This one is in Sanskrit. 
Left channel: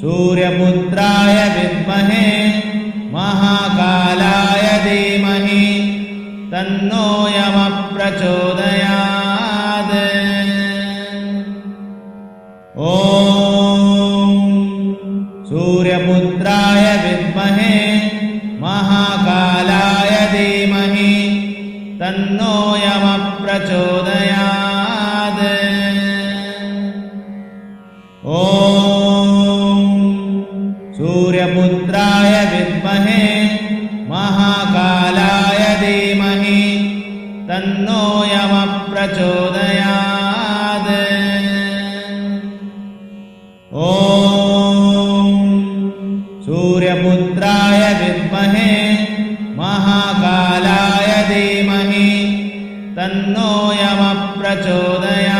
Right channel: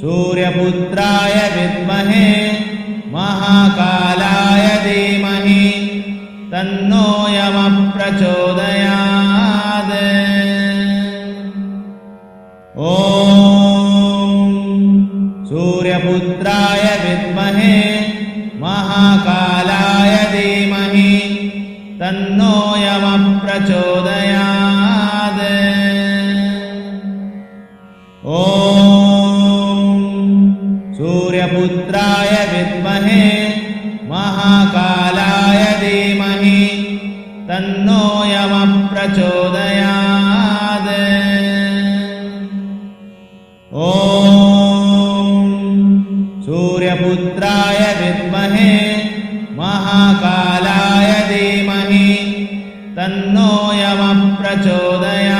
सूर्यपुत्राय विद्महे महाकालाय धीमहि तन्नो यमः प्रचोदयात्। ॐ सूर्यपुत्राय विद्महे महाकालाय धीमहि तन्नो यमः प्रचोदयात्। ॐ सूर्यपुत्राय विद्महे महाकालाय धीमहि तन्नो यमः प्रचोदयात्। ॐ सूर्यपुत्राय विद्महे महाकालाय धीमहि तन्नो यमः प्रचोदयात्।